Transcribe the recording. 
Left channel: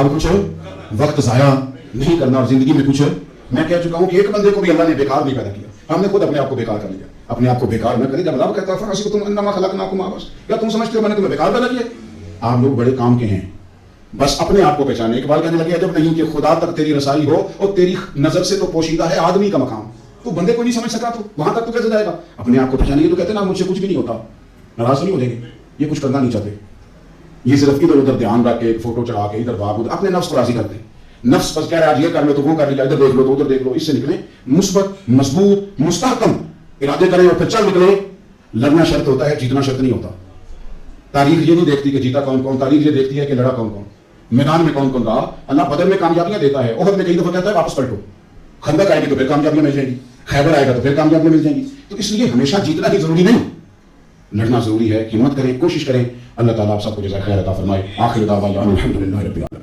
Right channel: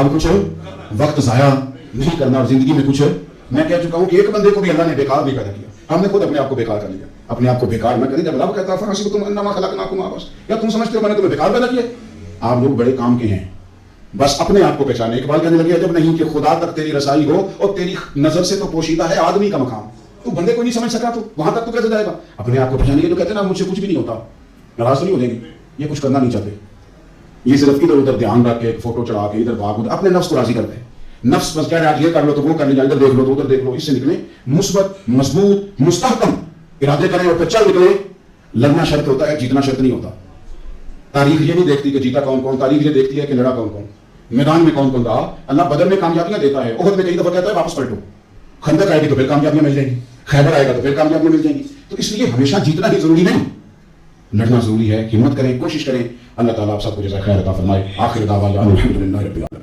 अब कुछ वक्त ज़ाया नहीं करना और जिंदगी में कुछ मैं कह चुका हूँ कि एक बंदे को भी अल्लाह ने बेकार नहीं पैदा किया, हमने खुद अपने आप को बेकार कर लिया। अपने आप को बेकार न करिए। जब अल्लाह कहता है कि तुम अन्नमा खलकनाकुम आबस, क्या तुम समझते हो मैंने तुम्हें बेकार पैदा किया? आप लोग बड़े काम के हैं, बस अपने आप को पहचाने। इकबाल कहने लगे जब नहीं कि खुदा तक तेरी रसाई हो और तेरी नजर से तो पोशीदा है आदमी का मकाम, तू बंदे को नहीं समझ सका तो वहां तक तू कैसे जाएगा? अपने आप को पहचानिए। तो कहते ना मुझसे कुछ भी नहीं होता, नाराज नहीं हो जाएंगे, ये कुछ करना नहीं चाहते, ये सिर्फ इधर उधर ध्यान रख के फोटो चढ़ा के इधर भाग उधर अपने नफ्स को राजी करते हैं। नफ्स बस कह रहा है ये कर लो तो वो कर लीजिए, इधर देख लो तो उधर देख लो। इससे निकले मुस्बत मजबूत मुस्तहकम इरादे करें और फिर चल निकले। लड़ना शर्त होता है, जीतना शर्त नहीं होता। तारीख ये नहीं देखती कि जीता कौन कौन, तारीख ये देखती है कि लड़ा कौन कौन, मैदान में कौन कौन रहा। अल्लाह बदल में कामयाबियां देता है, ओहद में कई दफा कहता है वापस पलटो। खंदक आएगी तो फिर कामयाबियां मिल जाएंगी, खैबर आएगा तो फिर कामयाबियां मिल जाएंगी। तो इसलिए हमेशा जीतना ही जरूरी नहीं, लड़ना जरूरी है। हिम्मत करें, कोशिश करें। अल्लाह ताला आप सबको जज़ा खैर अता फरमाए। आखिर दावा अल्हम्दुलिल्लाह रब्बिल आलमीन।